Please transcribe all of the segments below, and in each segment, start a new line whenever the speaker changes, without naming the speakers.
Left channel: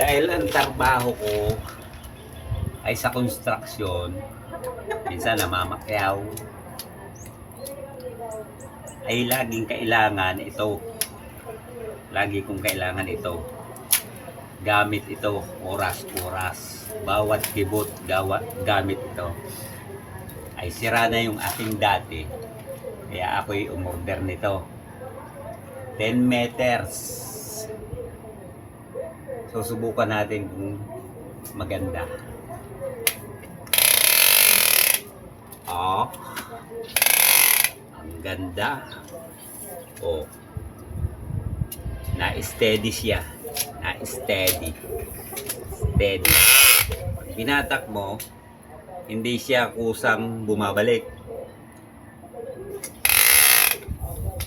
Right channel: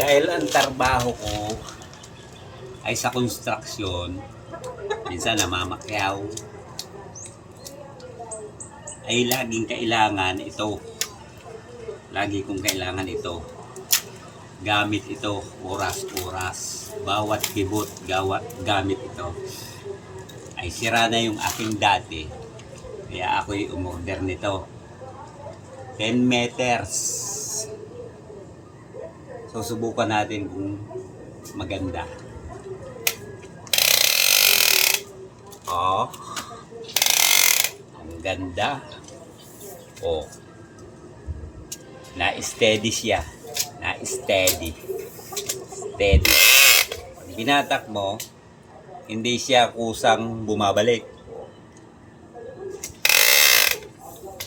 Dahil ang trabaho ko ay sa construction, minsan namamakyaw, ay laging kailangan ito. Lagi kong kailangan ito. Gamit ito oras-oras. Bawat kibot, gawa, gamit ito. Ay sira na yung aking dati. Kaya ako'y umorder nito. 10 meters. So subukan natin kung maganda. Oh. Ang ganda. Oh. Na-steady siya. Na-steady. Steady. Pag binatak mo, hindi siya kusang bumabalik.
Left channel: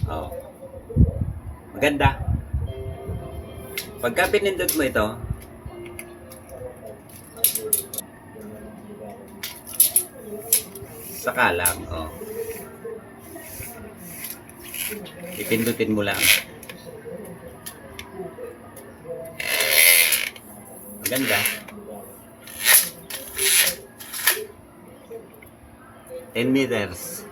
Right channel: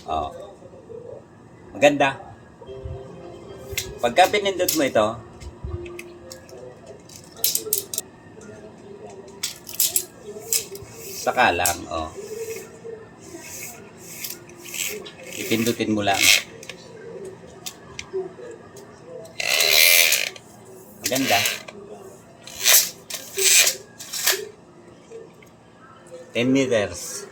Oh. Maganda. Pagka pinindot mo ito, saka lang, oh. Ipindutin mo lang. Maganda. 10 meters.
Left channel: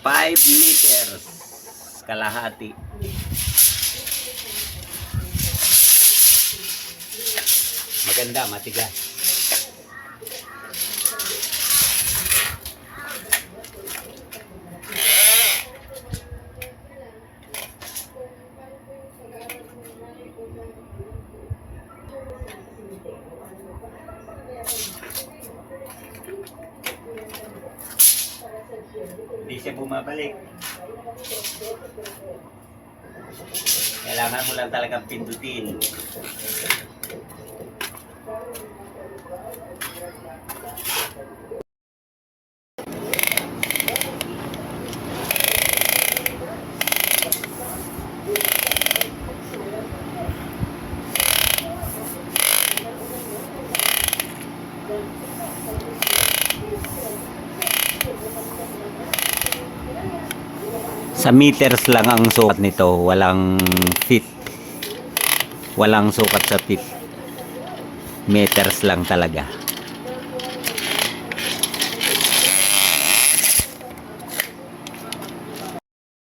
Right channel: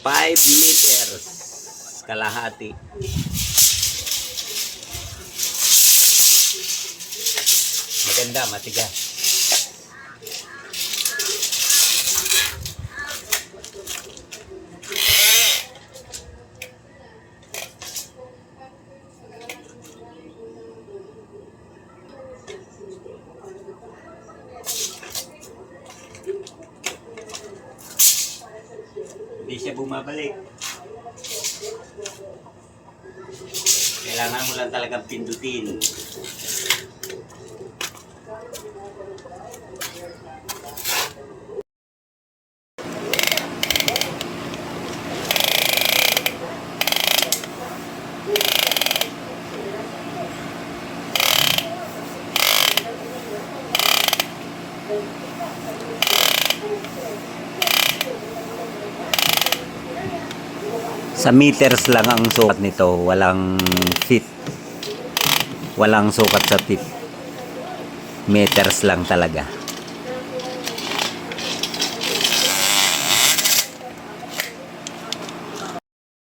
Five meters. Kalahati. Maganda, matigas. Hindi siya bumabalik. Kailangan mo lang talagang pindutin. Sa meters lang ang sukat nito, walang feet. Walang sukat sa feet. Meters lang talaga.